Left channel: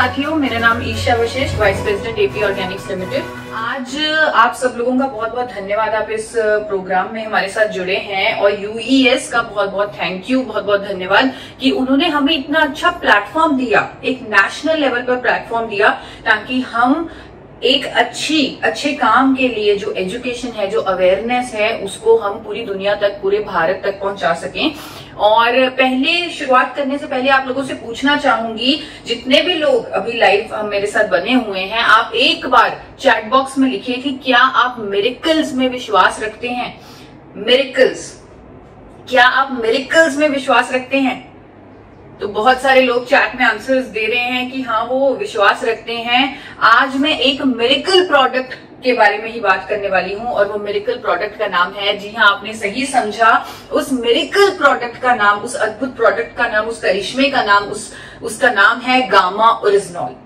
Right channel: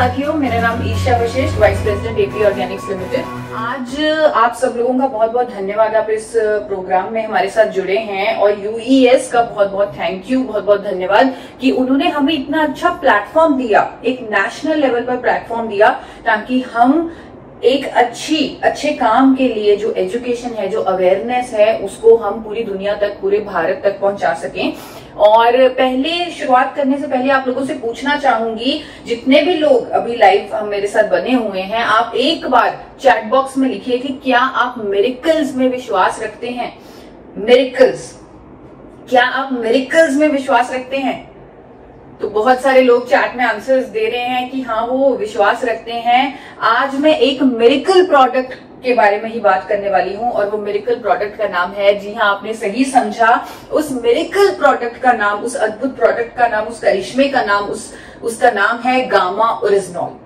साथियों, मेरा नाम Isha Vashisht, vice president AP organics limited. आज आप सब लोगों का बहुत बहुत धन्यवाद, आप इस प्रोग्राम में हमारे साथ जुड़े हैं। और यूईएस का बहुत बहुत थैंक यू, बहुत बहुत धन्यवाद कि उन्होंने हमें इतना अच्छा प्लेटफॉर्म दिया, एक नेशनल लेवल पर प्लेटफॉर्म दिया, ताकि हम एक अच्छे काम के लिए जो एजुकेशन है, जो अवेयरनेस है, उसको हम पूरी दुनिया तक, पूरे भारत तक पहुंचा सकें। और पहले शुरुआत करने से पहले आप लोगों से पूछना चाहूंगी, जितने भी लोग अभी लाइव मेरे साथ बने हुए हैं, आप एक बार चैट बॉक्स में लिखिए कि क्या आप मिरेकल्स में विश्वास रखते हैं। मिरेकल्स, क्या आप मिरेकल्स में विश्वास रखते हैं? तो बहुत सारे लोग चैट में आंसर्स दे रहे हैं कि हाँ, वो विश्वास रखते हैं। आज मैं एक मिरेकल प्रोडक्ट के बारे में ही बात करने वाली हूँ, और वो मिरेकल प्रोडक्ट का नाम है, जी हाँ, आपने सही समझा, उस मिरेकल प्रोडक्ट का नाम, उस अद्भुत प्रोडक्ट का नाम, उस करिश्मे का नाम, उसका नाम है गामा ओरिजिनॉल।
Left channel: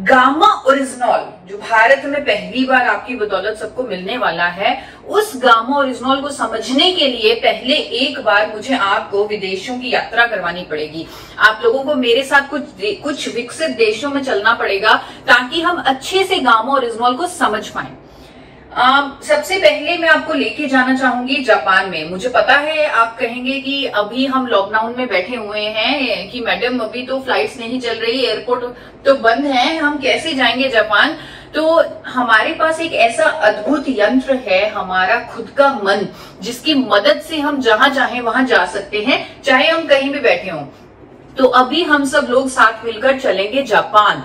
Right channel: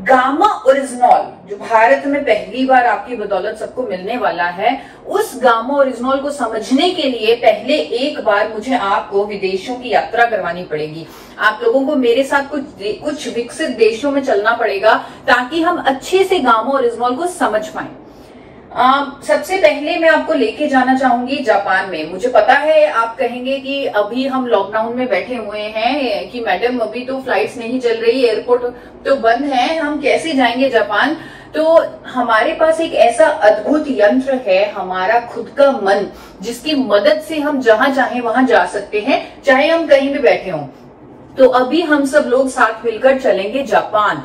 गामा ओरिजिनॉल जो भारत में पहली बार आपकी बदौलत सबको मिलने वाला है, उस गामा ओरिजिनॉल को समझने के लिए पहले एक बार मुझे आपको विदेशों की यात्रा करवानी पड़ेगी। आप लोगों को मेरे साथ कुछ विकसित देशों में चलना पड़ेगा, ताकि हम अच्छे से गामा ओरिजिनॉल को समझ पाए। सबसे पहले मैं आपको लेके जाना चाहूंगी जापान में। मुझे पता है आप कहेंगे कि अभी हम लॉकडाउन में बैठे हुए हैं कि मैडम अभी तो फ्लाइट्स नहीं चल रही, एयरपोर्ट तो बंद है, हम कैसे जाएंगे जापान। तो हमारे पास एक ऐसा अद्भुत यंत्र है, हमारा खुद का मन, जिसकी मदद से हम जहां चाहे वहां जा सकते हैं, चाहे हम कहीं भी बैठे हों। तो अभी हम सब लोग साथ मिलकर चलेंगे जापान,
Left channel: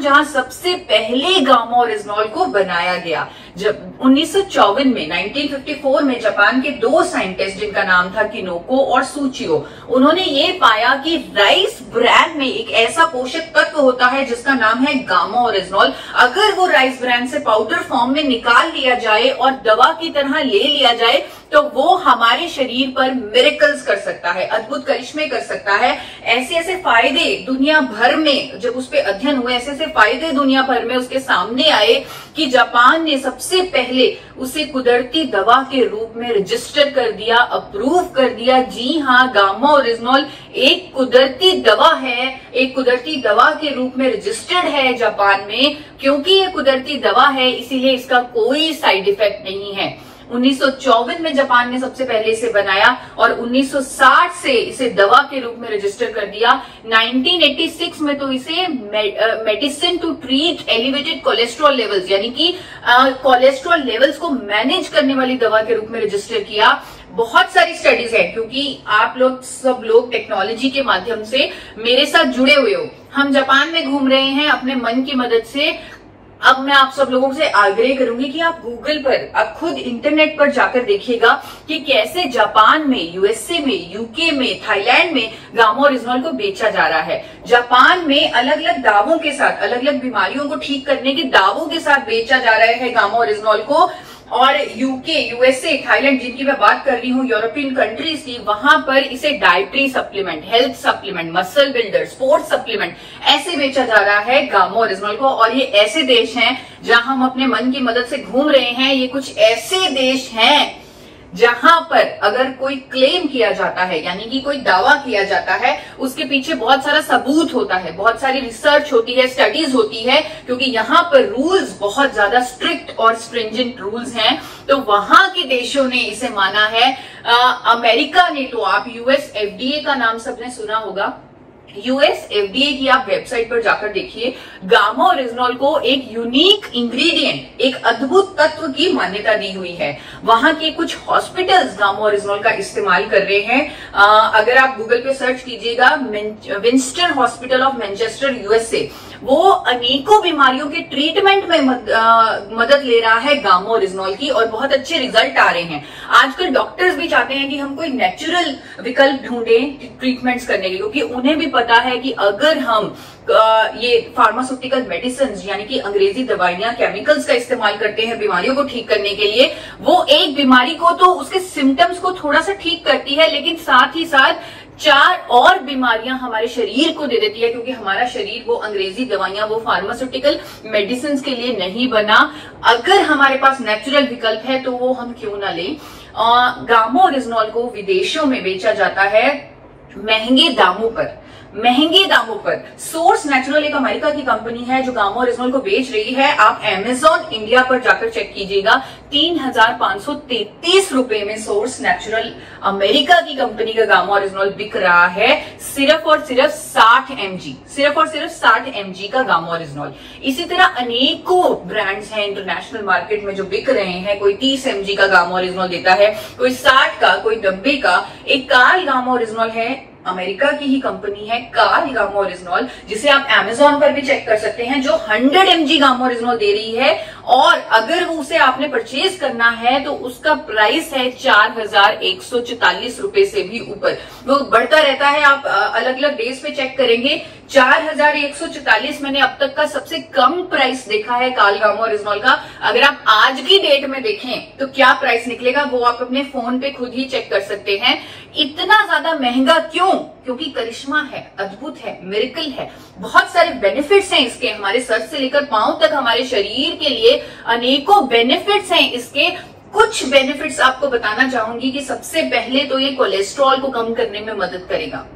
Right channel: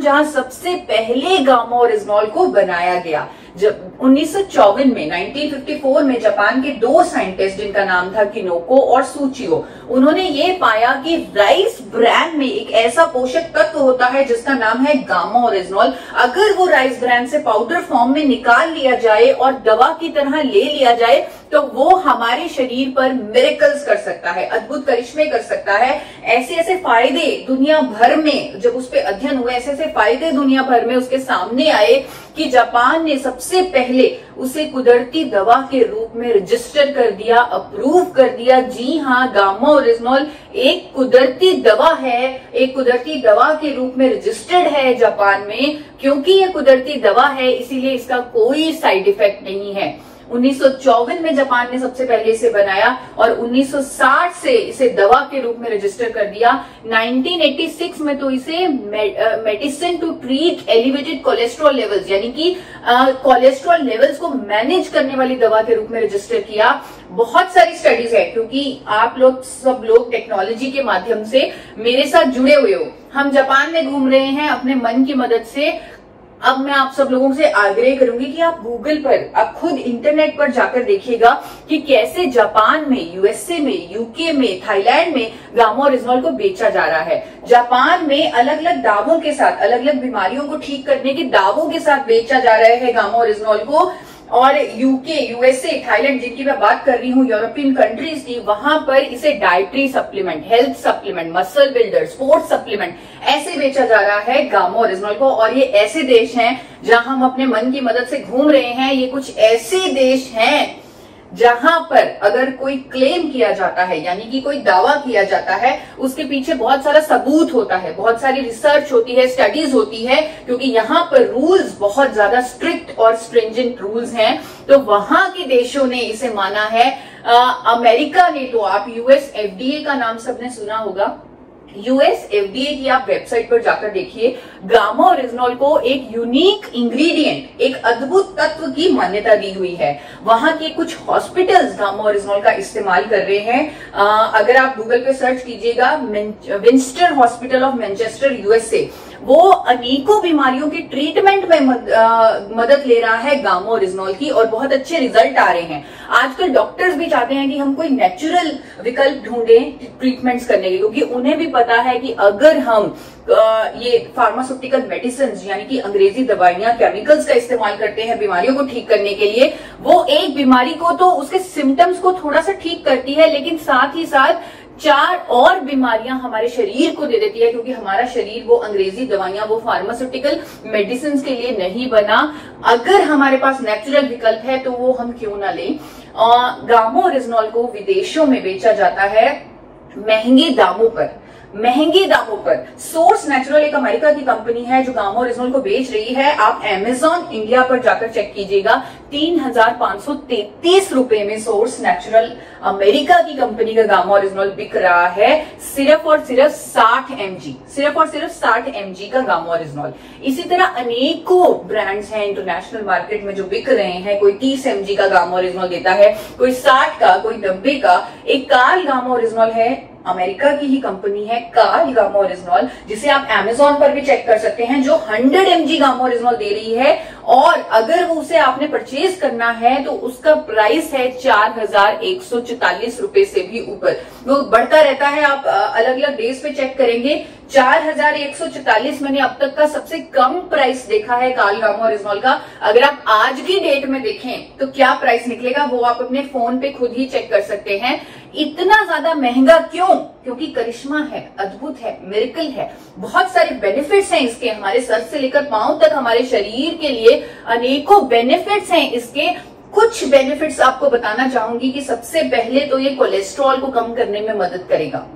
जहां सबसे पहले गामा ओरिजिनॉल को बनाया गया। जब 1954 में 1954 में जापान के दो साइंटिस्ट, जिनका नाम था किनोको और सूचियो, उन्होंने ये पाया कि राइस ब्रैन में एक ऐसा पोषक तत्व होता है जिसका नाम है गामा ओरिजिनॉल। अगर वो राइस ब्रैन से पाउडर फॉर्म में निकाल लिया जाए और दवा की तरह ले लिया जाए, तो वो हमारे शरीर पर मिरेकल्स कर सकता है, अद्भुत करिश्मे कर सकता है। ऐसे ऐसे फायदे दुनिया भर में, जब उस पर अध्ययन हुए, ऐसे ऐसे फायदे दुनिया भर में उसके सामने आए कि जापान ने सबसे पहले उसे कुदरती दवा के रूप में रजिस्टर कर दिया, अप्रूव कर दिया। जी हाँ, गामा ओरिजिनॉल एक कुदरती दवा है, एक कुदरती दवा के रूप में रजिस्टर्ड है जापान में। क्योंकि ये कुदरती दवा है, इसीलिए इसका कोई साइड इफेक्ट नहीं है। 1954 में जापान ने सबसे पहले इसे बनाया और 1960 से इसे दवा के रूप में रजिस्टर कर दिया। 1986 में तो इसे medicine to treat elevated cholesterol levels, यानी कि कोलेस्ट्रॉल लेवल्स को मैनेज करने वाली दवा के रूप में रजिस्टर किया। बहुत सारी स्टडीज है, क्योंकि आप लोग सब लोग टेक्नोलॉजी के माध्यम से मेरे साथ जुड़े हुए हो। हम जापान में घूम रहे हैं अपने मन की मदद से। अब मैं आप सब लोगों से आग्रह करूंगी कि आप गूगल पर, आप खुद इंटरनेट पर जाकर देखिएगा कि कैसे जापान में, यूएसए में, यूके में, थाईलैंड में गामा ओरिजिनॉल को बेचा जा रहा है। जापान में अलग अलग दावों के साथ, अलग अलग बीमारियों को ठीक करने के दावों के साथ बेचा जा रहा है गामा ओरिजिनॉल को। और यूके, यूएसए, थाईलैंड, जिनकी मैं बात कर रही हूँ, यूरोपियन कंट्रीज की, वहां पर इसे dietary supplement, health supplement, muscle builder, sports supplement, ऐसे बेचा जा रहा है गामा ओरिजिनॉल को। और ये ऐसे देश हैं जहां हम अपने मन की मदद से घूम रहे हैं। ये कुछ ऐसे देश हैं जहां पर अगर कोई क्लेम किया जाता है, यानी कि कोई दावा किया जाता है, उसके पीछे बहुत सारा सबूत होता है, बहुत सारी रिसर्च होती है, स्टडीज होती है, क्योंकि यहाँ पर रूल्स बहुत ज्यादा स्ट्रिक्ट और स्ट्रिंजेंट रूल्स हैं। तो वहां के देशों ने इसे माना है। अमेरिका ने तो, आप यूएस एफडीए का नाम सबने सुना होगा, यूएस एफडीए की आप वेबसाइट पर जाकर देखिए, गामा ओरिजिनॉल को एक यूनिक इंग्रेडिएंट, एक अद्भुत तत्व की मान्यता दी हुई है। वहां के कुछ हॉस्पिटल्स गामा ओरिजिनॉल का इस्तेमाल कर रहे हैं। अगर आप गूगल पे सर्च कीजिएगा, विंस्टर हॉस्पिटल ऑफ मैनचेस्टर यूएसए, वो अनेकों बीमारियों के ट्रीटमेंट में मदद ले रहा है गामा ओरिजिनॉल की, और बहुत अच्छे रिजल्ट आ रहे हैं। आजकल डॉक्टर्स भी चाहते हैं कि हम कोई नेचुरल विकल्प ढूंढें ट्रीटमेंट्स करने के, क्योंकि उन्हें भी पता है कि अगर हम ये फार्मास्यूटिकल मेडिसिन, यानी कि अंग्रेजी दवाइयां, केमिकल्स का इस्तेमाल करते हैं बीमारियों को ठीक करने के लिए, वो एक बीमारी को तो उसके सिम्टम्स को थोड़ा सा ठीक करती है, लेकिन साथ ही साथ 4 और बीमारियां हमारे शरीर को दे देती है, क्योंकि हमारा शरीर वो अंग्रेजी दवाइयां, वो फार्मास्यूटिकल मेडिसिन के लिए नहीं बना। अगर हमारे पास नेचुरल विकल्प है तो वो हम क्यों ना लें। गामा ओरिजिनॉल को विदेशों में बेचा जाता है महंगे दामों पर, महंगे दामों पर। सोर्स नेचुरल एक अमेरिका की कंपनी है जो गामा ओरिजिनल को बेच रही है। आप अमेजॉन इंडिया पर जाकर चेक कीजिएगा, 3,533 रुपए में सोर्स नेचुरल अमेरिका की कंपनी का गामा ओरिजिनल बिक रहा है, सिर्फ और सिर्फ 60 mg, सिर्फ और सिर्फ 60 mg का गामा ओरिजिनल। इसी तरह अनेकों ब्रांड्स हैं इंटरनेशनल मार्केट में जो बिक रहे हैं। कोई 30 mg का गामा ओरिजिनल देता है, कोई 60 का, कोई 90 का। एक कार्ल गामा ओरिजिनल है, अमेरिका की ही कंपनी है कार्ल गामा ओरिजिनल, जिसे आप अमेजॉन पर भी चेक कर सकते हैं, जो 100 mg गामा ओरिजिनल दे रही है। और अगर उसे आपने परचेज करना है तो उसका प्राइस है 4,144 रुपए से भी ऊपर। वो बढ़ता रहता है, आप अलग अलग डेज पे चेक करेंगे। 4,144 मैंने अब तक का सबसे कम प्राइस देखा है कार्ल गामा ओरिजिनल का। अगर आप आज की डेट में देखें तो क्या प्राइस निकलेगा वो आप अपने फोन पे खुद ही चेक कर सकते हैं। इतना ज्यादा महंगा क्यों? क्योंकि करिश्मा है, अद्भुत है, मिरेकल है, बहुत सारे बेनिफिट्स हैं इसके। हमारे सर से लेकर पांव तक हमारे शरीर के लिए अनेकों बेनिफिट्स हैं इसके। कुछ बेनिफिट्स आपको बताना चाहूंगी कि सबसे पहले तो ये कोलेस्ट्रॉल को कम करने में मदद करेगा।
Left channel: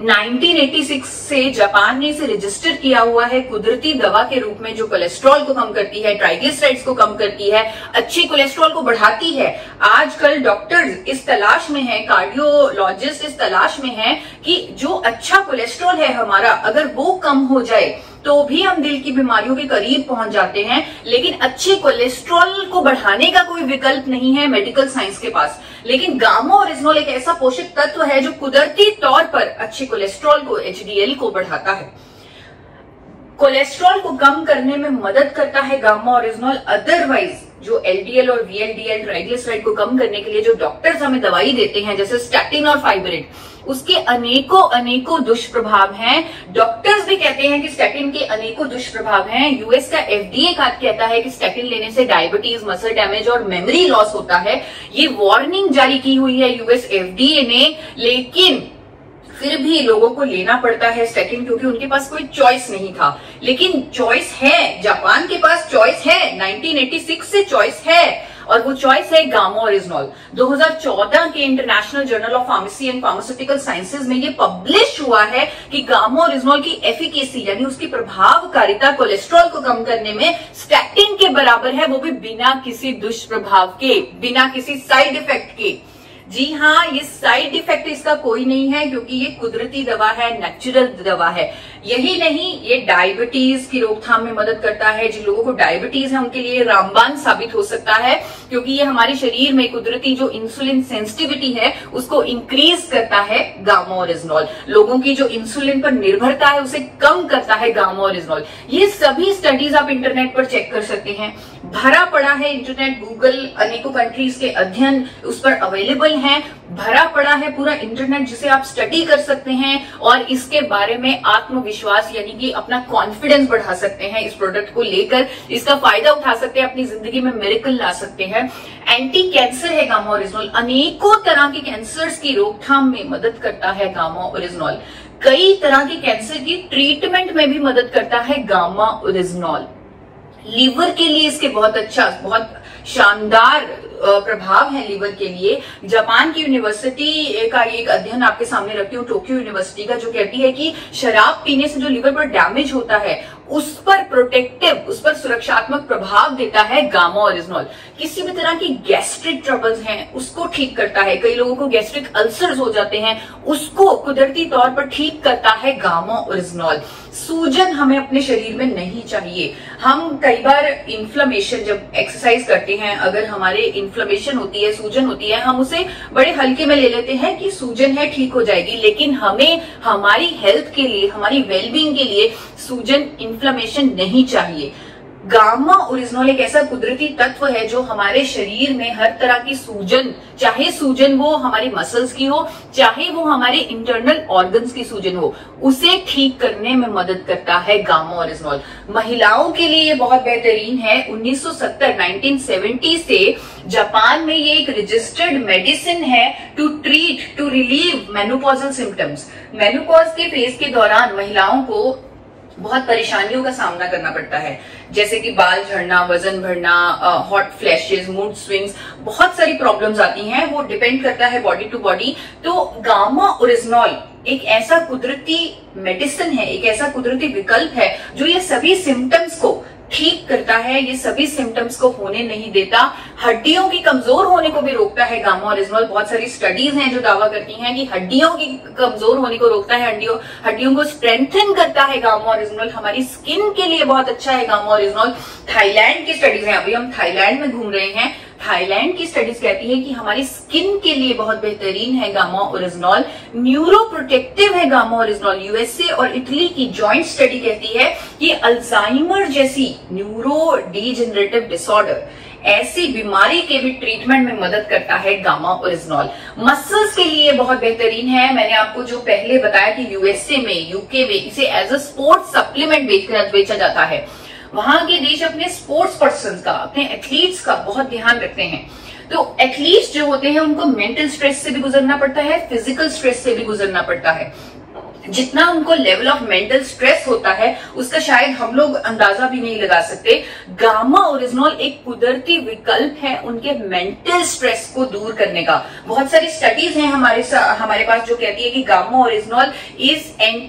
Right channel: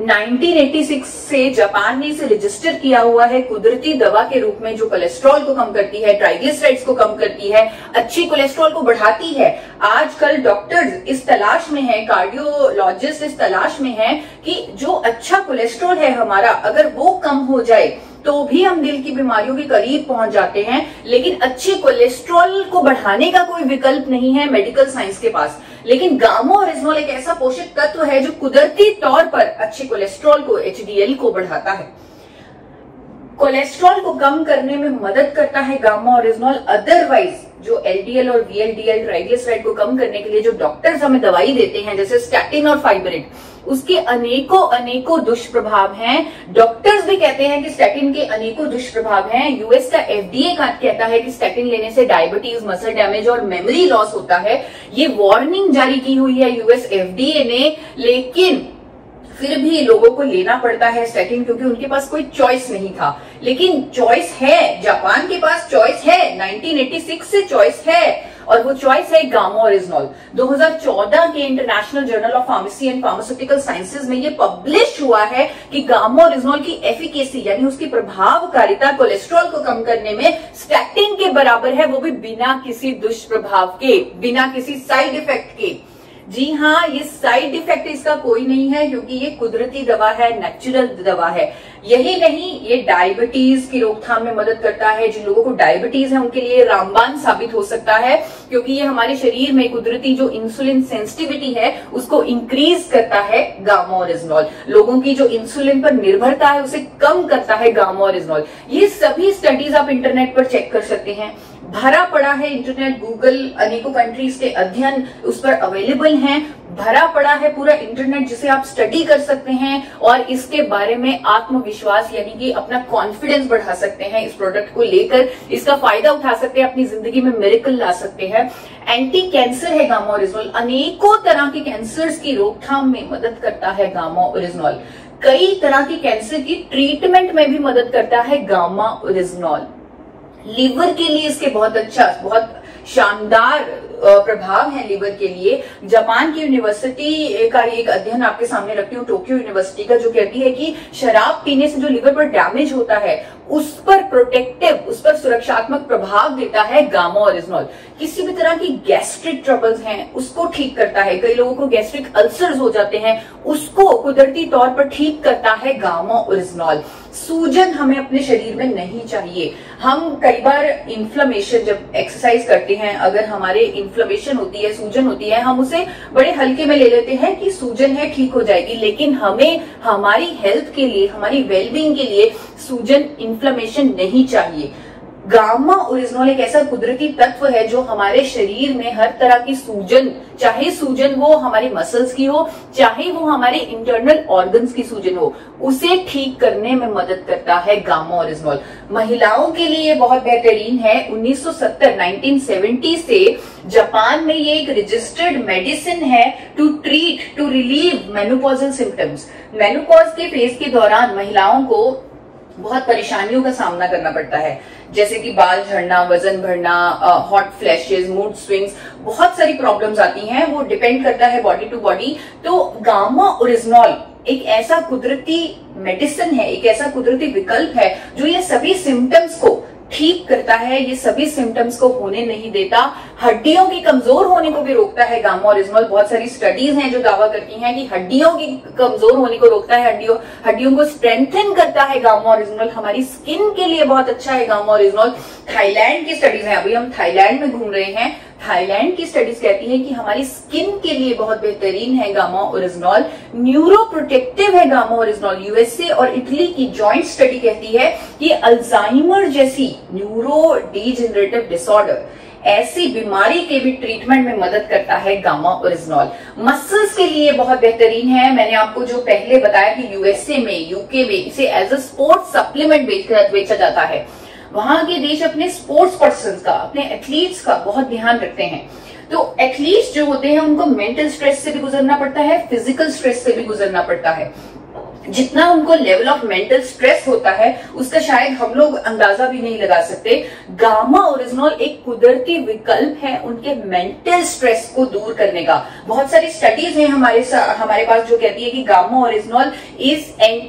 1986 से जापान ने इसे रजिस्टर किया हुआ है कुदरती दवा के रूप में, जो कोलेस्ट्रॉल को कम करती है, ट्राइग्लिसराइड्स को कम करती है, अच्छी कोलेस्ट्रॉल को बढ़ाती है। आजकल डॉक्टर्स इस तलाश में हैं, कार्डियोलॉजिस्ट इस तलाश में हैं कि जो अच्छा कोलेस्ट्रॉल है हमारा, अगर वो कम हो जाए तो भी हम दिल की बीमारियों के करीब पहुंच जाते हैं। लेकिन अच्छे कोलेस्ट्रॉल को बढ़ाने का कोई विकल्प नहीं है मेडिकल साइंस के पास। लेकिन गामा ओरिजिनल एक ऐसा पोषक तत्व है जो कुदरती तौर पर अच्छे कोलेस्ट्रॉल को, HDL को बढ़ाता है। कोलेस्ट्रॉल को कम करने में मदद करता है गामा ओरिजिनल। अदरवाइज जो LDL और VLDL ट्राइग्लिसराइड को कम करने के लिए जो डॉक्टर्स हमें दवाई देते हैं, जैसे स्टैटिन और फाइबरेट, उसके अनेकों दुष्प्रभाव हैं। डॉक्टर्स भी कहते हैं कि स्टैटिन के अनेकों दुष्प्रभाव हैं। यूएस का FDA कहता है कि स्टैटिन लेने से डायबिटीज, मसल डैमेज और मेमोरी लॉस होता है। ये वार्निंग जारी की हुई है यूएस FDA ने, लेकिन फिर भी लोगों को लेना पड़ता है स्टैटिन, क्योंकि उनके पास कोई चॉइस नहीं था। लेकिन चॉइस है, जापान के पास चॉइस है, 1986 से चॉइस है, और वो चॉइस है गामा ओरिजिनल। 2014 के international journal of pharmacy and pharmaceutical sciences में ये पब्लिश हुआ है कि गामा ओरिजिनल की एफिकेसी यानी उसकी प्रभावकारिता कोलेस्ट्रॉल को कम करने में स्टैटिन के बराबर है, वो भी बिना किसी दुष्प्रभाव के, बिना किसी साइड इफेक्ट के। जी हाँ, ये साइड इफेक्ट इसका कोई नहीं है, क्योंकि ये कुदरती दवा है, नेचुरल दवा है। यही नहीं, ये डायबिटीज की रोकथाम में मदद करता है। जिन लोगों को डायबिटीज है उनके लिए रामबाण साबित हो सकता है, क्योंकि ये हमारे शरीर में कुदरती जो इंसुलिन सेंसिटिविटी है उसको इंक्रीज करता है गामा ओरिजिनल। लोगों की जो इंसुलिन पर निर्भरता है उसे कम करता है गामा ओरिजिनल। ये सभी स्टडीज आप इंटरनेट पर चेक कर सकते हैं, भरा पड़ा है इंटरनेट, गूगल, अनेकों कंट्रीज के अध्ययन उस पर अवेलेबल हैं, भरा पड़ा है पूरा इंटरनेट जिसे आप स्टडी कर सकते हैं और इसके बारे में आत्मविश्वास यानी कि अपना कॉन्फिडेंस बढ़ा सकते हैं। इस प्रोडक्ट को लेकर इसका फायदा उठा सकते हैं, अपनी जिंदगी में मिरेकल ला सकते हैं। एंटी कैंसर है गामा ओरिजिनल, अनेकों तरह के कैंसर्स की रोकथाम में मदद करता है गामा ओरिजिनल। कई तरह के कैंसर की ट्रीटमेंट में भी मदद करता है गामा ओरिजिनल। लीवर के लिए इसके बहुत शानदार प्रभाव है लीवर के लिए। जापान की यूनिवर्सिटी का एक अध्ययन आपके सामने रखती हूँ, टोक्यो यूनिवर्सिटी का, जो कहती है कि शराब पीने से जो लीवर पर डैमेज होता है उस पर प्रोटेक्टिव, उस पर सुरक्षात्मक प्रभाव देता है गामा ओरिजिनल। किसी भी तरह की गैस्ट्रिक ट्रबल्स हैं उसको ठीक करता है। कई लोगों को गैस्ट्रिक अल्सर्स हो जाते हैं, उसको कुदरती तौर पर ठीक करता है गामा ओरिजिनल। सूजन हमें अपने शरीर में नहीं चाहिए। हम कई बार इन्फ्लेमेशन, जब एक्सरसाइज करते हैं, अगर हमारे इन्फ्लेमेशन होती है, सूजन होती है, हम उसे बड़े हल्के में ले लेते हैं कि सूजन है, ठीक हो जाएगी। लेकिन हमें हमारी हेल्थ के लिए, हमारी वेलबींग के लिए सूजन, इन्फ्लेमेशन नहीं चाहिए। गामा ओरिजिनल एक ऐसा कुदरती तत्व है जो हमारे शरीर में हर तरह की सूजन, चाहे सूजन वो हमारी मसल्स की हो, चाहे वो हमारे इंटरनल ऑर्गन्स की सूजन हो, उसे ठीक करने में मदद करता है गामा ओरिजिनल। महिलाओं के लिए बहुत बेहतरीन है। 1970 से जापान में ये एक रजिस्टर्ड मेडिसिन है to treat, to relieve menopausal symptoms. Menopause के फेज के दौरान महिलाओं को बहुत परेशानियों का सामना करना पड़ता है, जैसे कि बाल झड़ना, वजन बढ़ना, हॉट फ्लैशेस, मूड स्विंग्स, बहुत सारी प्रॉब्लम्स आती हैं। वो डिपेंड करता है बॉडी टू बॉडी। तो गामा ओरिजिनल एक ऐसा कुदरती मेडिसिन है, एक ऐसा कुदरती विकल्प है जो ये सभी सिम्टम्स को ठीक करता है, ये सभी सिम्टम्स को होने नहीं देता, हड्डियों की कमजोर होने को भी रोकता है गामा ओरिजिनल। बहुत सारी स्टडीज हैं जो दावा करती हैं कि हड्डियों की कमजोर होने को रोकता है, हड्डियों को स्ट्रेंथन करता है गामा ओरिजिनल। हमारी स्किन के लिए बहुत अच्छा है गामा ओरिजिनल। थाईलैंड की स्टडीज हैं, अभी हम थाईलैंड में घूम रहे हैं, थाईलैंड की स्टडीज कहती है कि हमारी स्किन के लिए बहुत बेहतरीन है गामा ओरिजिनल। न्यूरो प्रोटेक्टिव है गामा ओरिजिनल। यूएसए और इटली की जॉइंट स्टडी कहती है कि अल्जाइमर जैसी न्यूरो डीजेनरेटिव डिसऑर्डर, ऐसी बीमारी के भी ट्रीटमेंट में मदद करता है गामा ओरिजिनल। मसल्स के लिए बहुत बेहतरीन है। मैंने आपको जो पहले बताया कि यूएसए में, यूके में इसे एज अ स्पोर्ट्स सप्लीमेंट बेचा जाता है। वहां के देश अपने स्पोर्ट्स पर्सन का, अपने एथलीट्स का बहुत ध्यान रखते हैं। तो एथलीट्स जो होते हैं उनको मेंटल स्ट्रेस से भी गुजरना पड़ता है, फिजिकल स्ट्रेस से भी गुजरना पड़ता है। जितना उनको लेवल ऑफ मेंटल स्ट्रेस होता है उसका शायद हम लोग अंदाजा भी नहीं लगा सकते। गामा ओरिजिनल एक कुदरती विकल्प है उनके मेंटल स्ट्रेस को दूर करने का। बहुत सारी स्टडीज हैं हमारे पास जो कहती है कि गामा ओरिजिनल इज